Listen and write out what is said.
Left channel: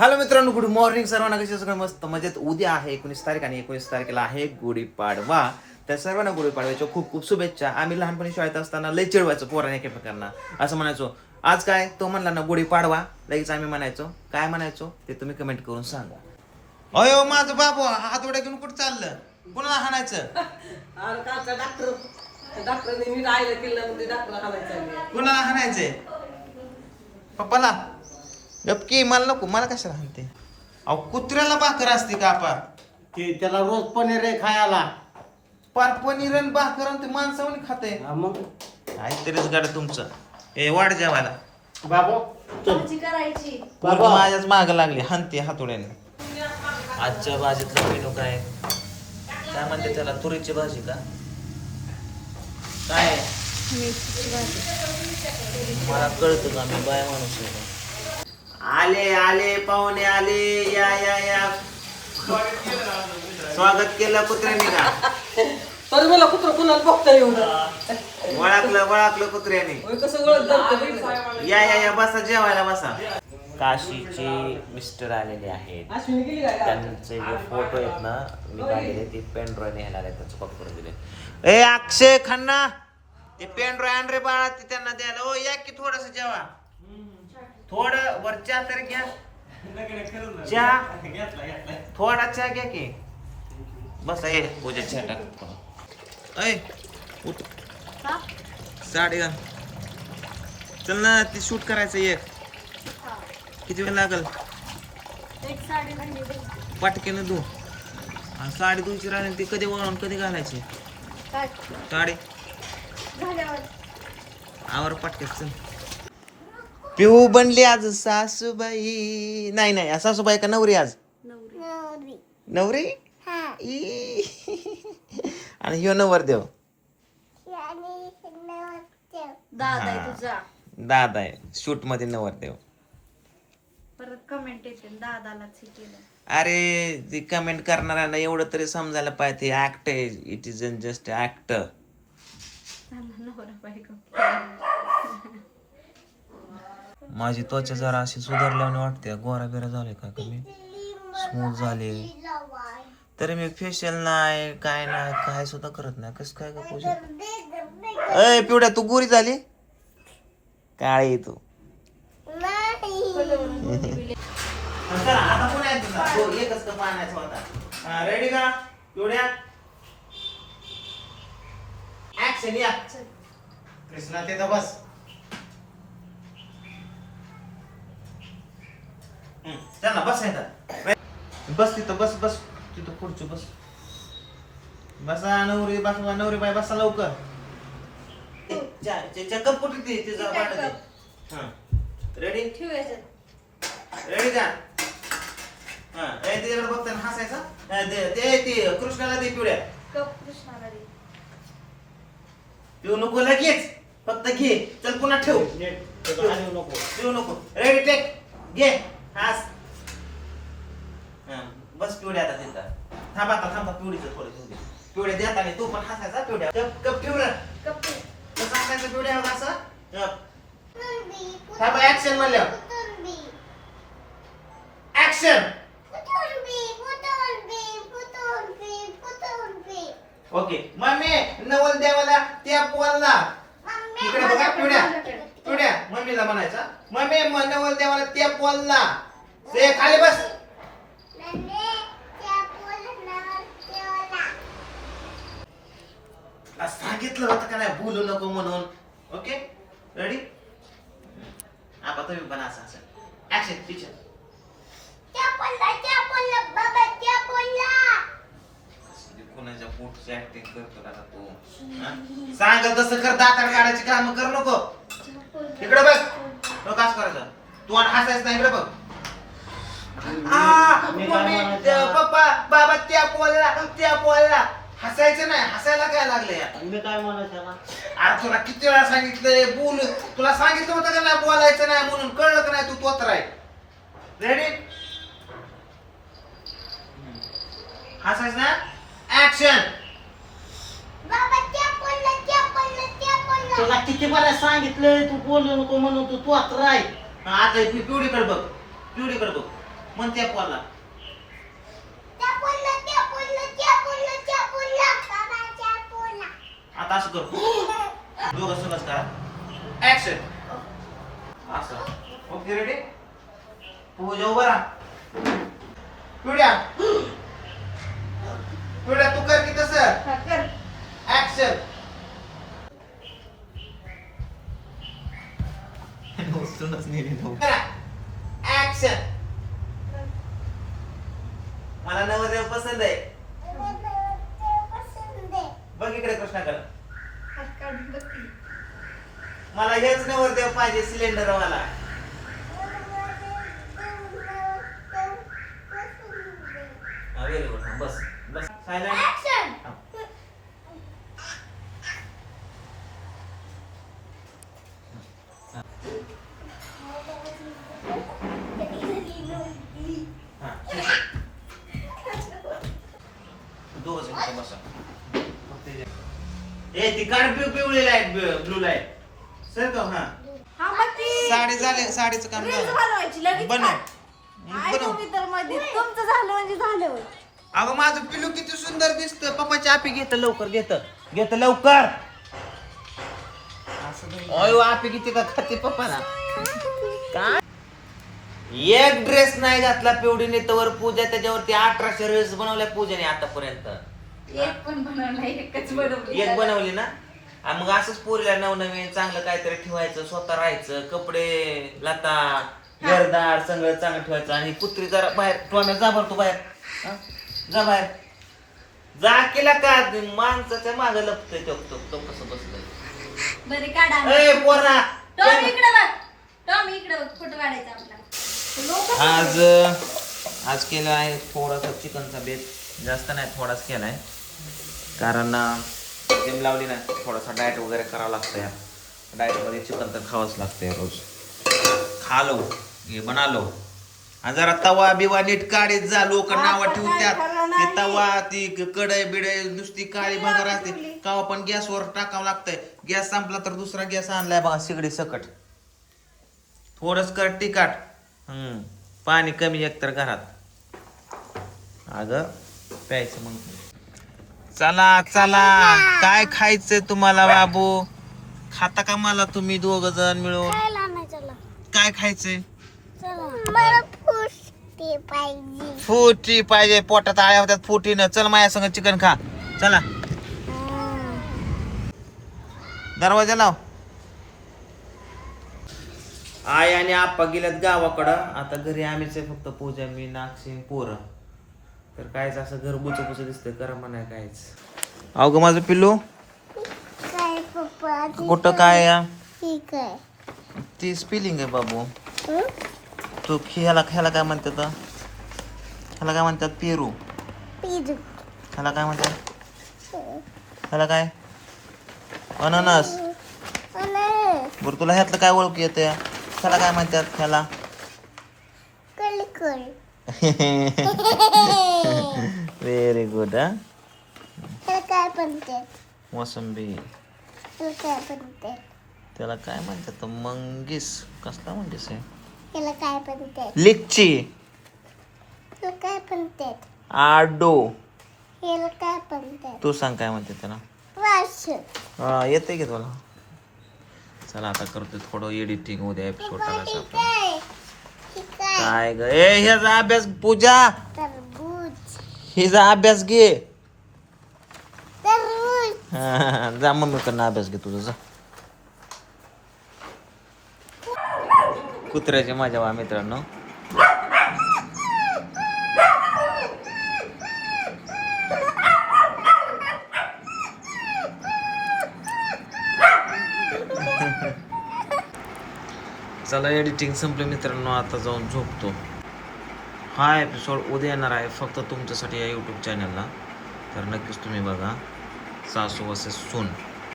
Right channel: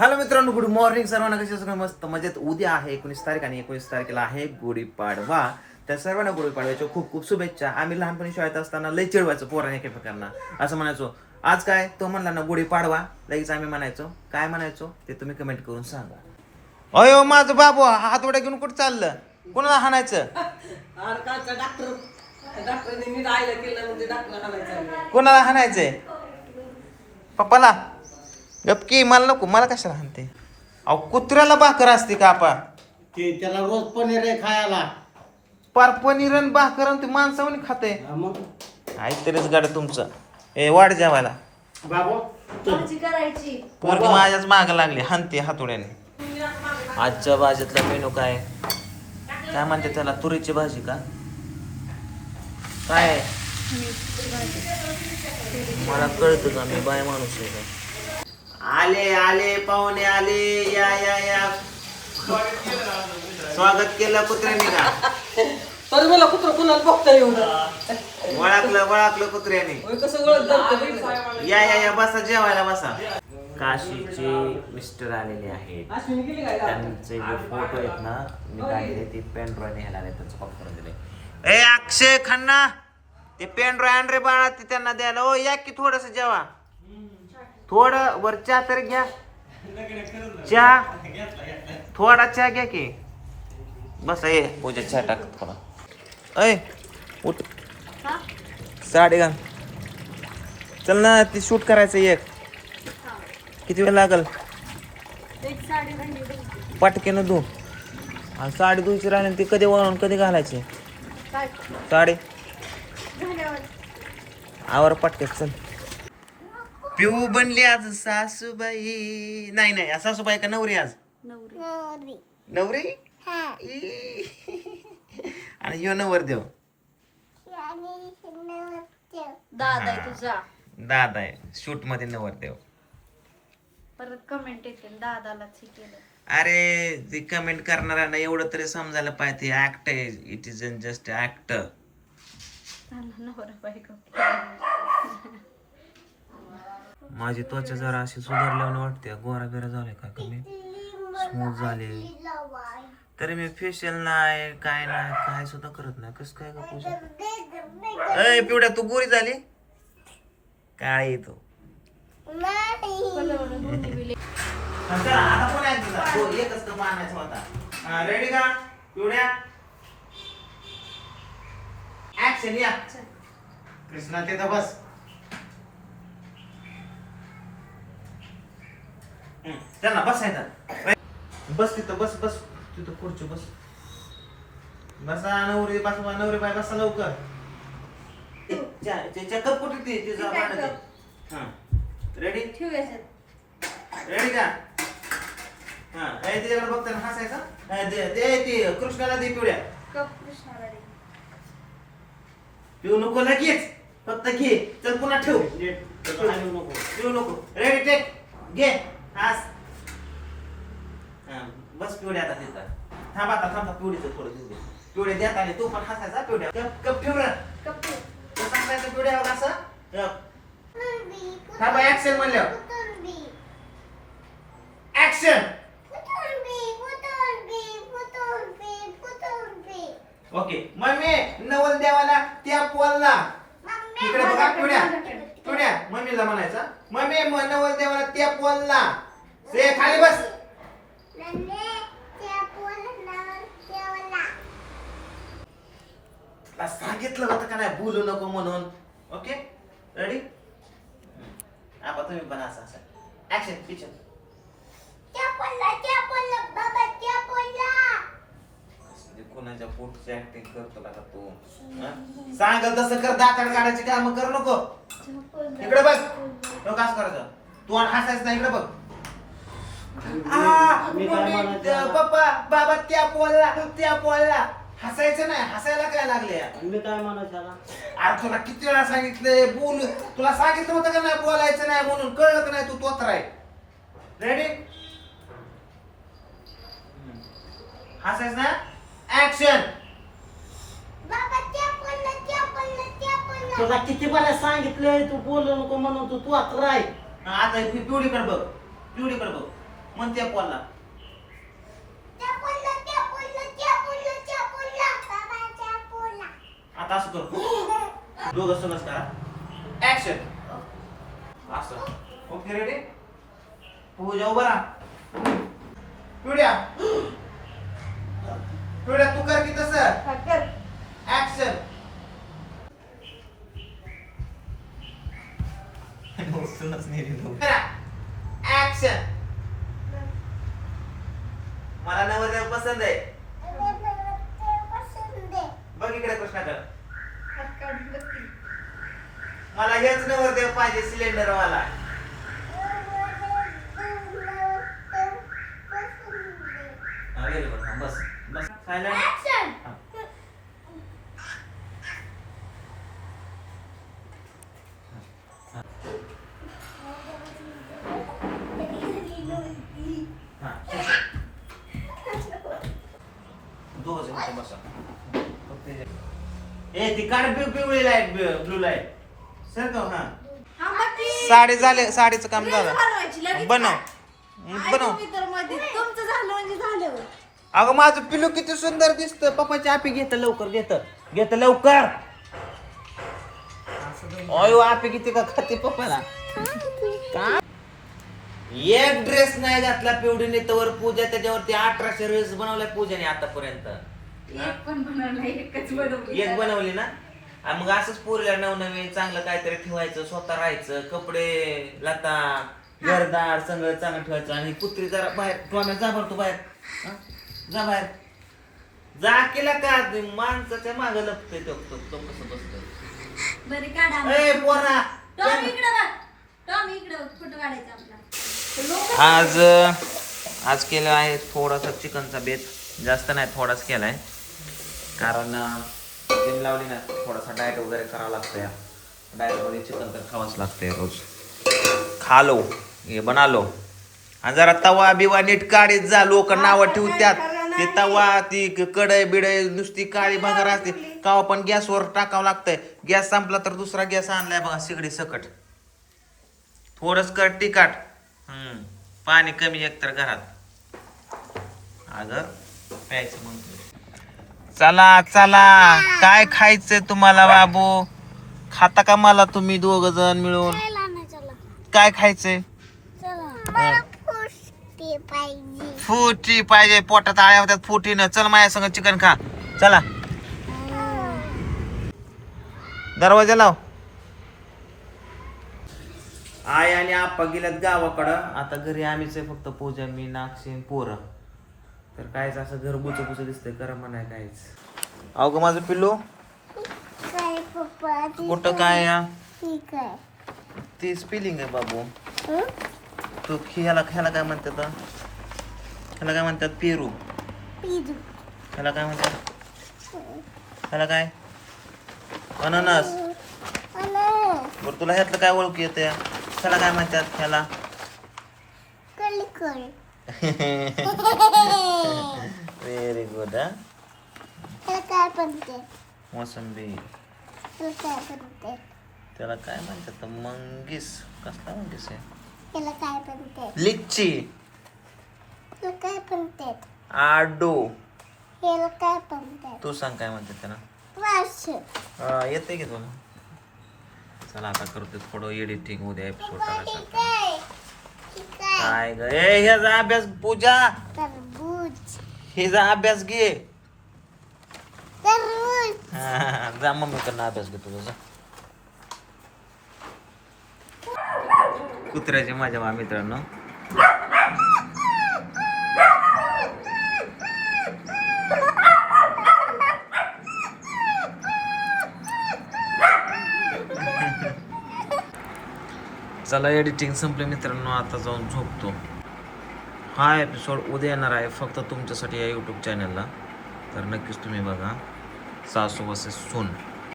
Hello मित्रांनो, good morning सर्वांना. कसे सगळं मस्त मजेत. उद्या आहे 19 तारीख आणि 19 तारखेला आहे गुढीपाडवा. त्या सर्वांना गुढीपाडव्याच्या खूप खूप शुभेच्छा. आम्ही लहानपणी शाळेत असताना लय चिडवायचो पोराने एकमेकांना. असं म्हणायचो, आज काय तो म्हणला ना गुढीपाडवा, लगेच आम्ही म्हणायचो. काय म्हणायचो ते तुम्ही कमेंट करून सांगा. अयो माझं बाबू हातोड्या घेऊन कुठं चाललं? कोणाला हाणायचं? कोणाला हाणायचंय? पप्पाला? गपकी, मला नको. मला कशाला हाणते? अहो कुत्र्याला भाकर असते का आपा? की त्याला रोज पनीर आहे खायला. पार पनीर आणि भाकर आणि ते माणसावणी खाते. मग काहीतरीच गाड तुमचं. ए वाढ जेवायला. बाबू भाजी करायची. पोरगी माझ्याच माग लागली हानते हातोड्याने. आजच्या भाजीतला मेनू काय? काय म्हणते त्याला? तुरीची भाजी का? काय? मेथीची भाजी. मला कळतं का, मी बाय माणूस आहे का? आले आले पाहुणे आले. या या या. स्वागत केलं कुत्र्याने का? तर मला कुत्र कुणाला बघता येऊ वळाकलं कुत्र्याने. कसं ओळख या या या बसा, जेवायला बसा. काशीचे मिस्टर आलेले आहेत. त्यांचे जे फोटो आहेत ना मी काढलेले, ते पेन ड्रॉय न्यायला आले, त्यांचं कॉपी करून दिले. ए अक्षय खन्ना, ते पेन ड्रॉय आण रे बाळा, ते त्यांना द्यायला. ओ या की थोडस जेवा. थोडं वर चहा तर घ्या. चहा थोडा चहा घ्या की. बस ये पूजा चहा टाक थोडा. अय उठ, साडी घाल. चल ना, ती शूट करायचं एक. किती वेळ लागल? एक साडी राहिली. पटकेनं धू. आणि साडी धुयची राहिली, ती कधी वळून कधी घालायची काय साडी? झाल्यावर आवर पटकेच. चल. पिऊ बनली आज सासूबाई. नाही नाही, सासूबाई का नवरी आज? नवरी. नवरी. ई. आणि ह्यो नवरदेव दादा आहे तुझा. दादा आहे. शूट मध्ये नवरदेव. परत कमेंट येतील दादालाच हे केलं. अरे ती कमेंट करणाऱ्यांना एवढं तरी समजायला पाहिजे, ते ऍक्ट आहे. It is just act. त्यांना नवरा बायको. माझी त्वचा जरा अशी सुधारल्याने वाटते. गोरा बिरा झाले का कमी, स्मूथ झाले. तरी मी फेशियल नाही काय नाही, काय सुद्धा करत नाही. कसं काय का पूजा? अय पिवड्या, तू गोरी झाली काळी तू. आता कोण आहे तुझा? एकच तर पाण्याचा होता. रेडी का पिवड्या? ऍक्शन या. कृष्णा तिथं बस. त्यांना बसायचं. बस तिथं, बस बस तिथं पुढची बस. बसा नवरी, बस नवरी बाई बसा लवकर. चक्कर कुठे ती तिचा वाटत. हा रेडी? रेडी का? हा तिच्याकडे बघताना हसायचं. ते कृष्णाला दे पिवड्या. कृष्णाला दे. पिऊ नको लगेच, फक्त घे. चल पुन्हा ठेव. पिऊ नको. रेडी टेक घे. हास. बस पिवड्या आता तिथं. थांब आता, थांबा पिवडीचं थोडं. पिवड्या देत आणि तू पण हसायचा. पिवड्या कप ठेव ना. कसं हसायचं पिवड्यावर असं? थांबा, ऍक्शन म्हणलं. ऍक्शन. ओके. मम्मी नवल देवाला त्या पोलला. इकडे बघा पिवड्या. पिवड्या मम्मीला म्हणायचं, मम्मी नवल देवाला त्या पोलला. से खाली बस. सांगितलं होतं का नाही बोलू नको म्हणून. Okay ready? आता तुम्ही पण असं असं ऍक्शन टीचर. कोणाच्या पोटची ऍक्टिंग करतो का तू? सांग तसं कर. दातार काढायची काम करू नको. इकडे बघ. बघ असं करायचं. तू आणि हसायचं नाही. इकडे बघ. पप्पा बाबा त्या पोळला हसायचं नाही. हसायला काय लागले? मी काय म्हणायचं ना, अरे तुला किती वेळा सांगितलंय बोल. तुला सांगितलं होतं का नाही बोलायचं नाही म्हणून? कळलं का नाही? तू तोतर आहे. रेडी? हसायचं ना. ऍक्शन. तुला किती बरं सांगितलंय तू बोलू नको म्हणून. तू आता राय. आता पिवडीकडे बघ. पिवडीकडे बघ. म्हण त्या पोला आता असं कर दोघं सगळंच करा ऍक्शन असं ओके रेडी पूजा उभा राहा पिवड्या पिवड्या तू कर की तसं ऍक्शन ऍक्शन मला नवरदेव पसंत आहे बघ इकडे कृष्णाकडे मला हेच नवरदेव पाहिजे सिलेंडर मला व्हेरी गुड बस बस सायलेंट ए ती काढ पिवळी लाईट ब्लू लाईट सर का हा हा मग ती साडी झाले साडीचं काम रील्स झालं बनवायची लगेच बनव काय? बनव तुम्ही तर मध्ये तुमचं झालं म्हणजे झालं. अगं माझं पिलू किती सुंदर दिसतं पप्पाची आपी घेत लवकर घेत लवकर अयो आपी किती का खाते पप्पाला का एक ड्रेस नाही घातला पिवडीने तवर पूजा त्याच्यावरती 1800 ड्रेस बनवल्या पूजाने आतापर्यंत एक पण बनवला एकच बनवली. एक बनवली ना मग असंच पोरीला नवनवीन चांगलं काहीतरी ठेवायचं स्वतः राहायचं कपडे लता घरदार सगळं चांगलं ठेवायचं आणि पुत्री जरा बाहेर टोम्या जा भरतो बाहेर हा? जा बाहेर जा केला का माणसाच्या मागं लपतोय तो कसं बसतोय बरे काढा. ए पोरा टॉम इकडे बघ. टॉम इकडे बघ. फोटो काढायचा आपला. आज केलं आहे थोडासा चिकनचा बेत जास्त नाही थोडाच केलाय कारण जिम लावली ना थोडासा डाएट वगैरे करावं लागतं या डाएटमध्ये चिकन तर खावंच लागतंय रोज खा लो हे बना लो आणि जरा तवा बिवा नीट काढीत जा लोक नावं ठेवत्यात ते तवा ती कढई बिडई नुसती काळी भंगार असते कावा पण गॅसवर टाकावं लागतंय गॅस संपला तर दुसरा गॅस आणलाय बघा सिगडी सकट थोडंच कर तिखट पाणी कमी एक तर घरात अगं प्यायचं मग चला चला काय खायचंय तुम्हाला बाबू खाता का मला तुम्ही दोघ जण मिळून काय खायचंय फुटी पाहिजे पोटात आळ्या होत्यात फुटीनं चल माझ्या संग चिकन खा चला दरवाजा लाव आई आणि आप्पा गेल्यात गावाकडं आता घरी आम्हीच आहे फक्त पूजा मी नागसिंग पोरं तर कायच असं घर बुच दिसतंय कर म्हणाय कायच अवघ माझं पिल्लू कुठं काय या ती स्पेलिंग आहे बाबू तू ह्याला काय म्हणतात ह्याला काय म्हणतात पेरू ह्याला काय म्हणतात ह्याला काय अननस बरं तुला ह्यातलं काय ओळख येते ह्याला काय म्हणतात ह्याला व्हेरी गुड मोसंबी त्याला काय म्हणतात मंगीस कसला मंगीस आहे लिच्ची आडो तू सांग काय म्हणते त्याला हा येते की तुला चला आता करतो थोडं एडिटिंग उद्या एपिसोड टाकायचं काय ग ए ह्याचा अभ्यास पूजा हिचा अभ्यास घे जा मम्मीकडनं अभ्यास घे तुझा कुत्र्याचे माझ्या मित्रांनो चला एडिटिंग संपले मित्रांनो आता जाऊन झोपतो हा एपिसोड उद्या येणार आहे फक्त तुमच्यासाठी या यूट्यूब चॅनलला तर नक्कीच तुम्ही बघा सासू वर्सेस सून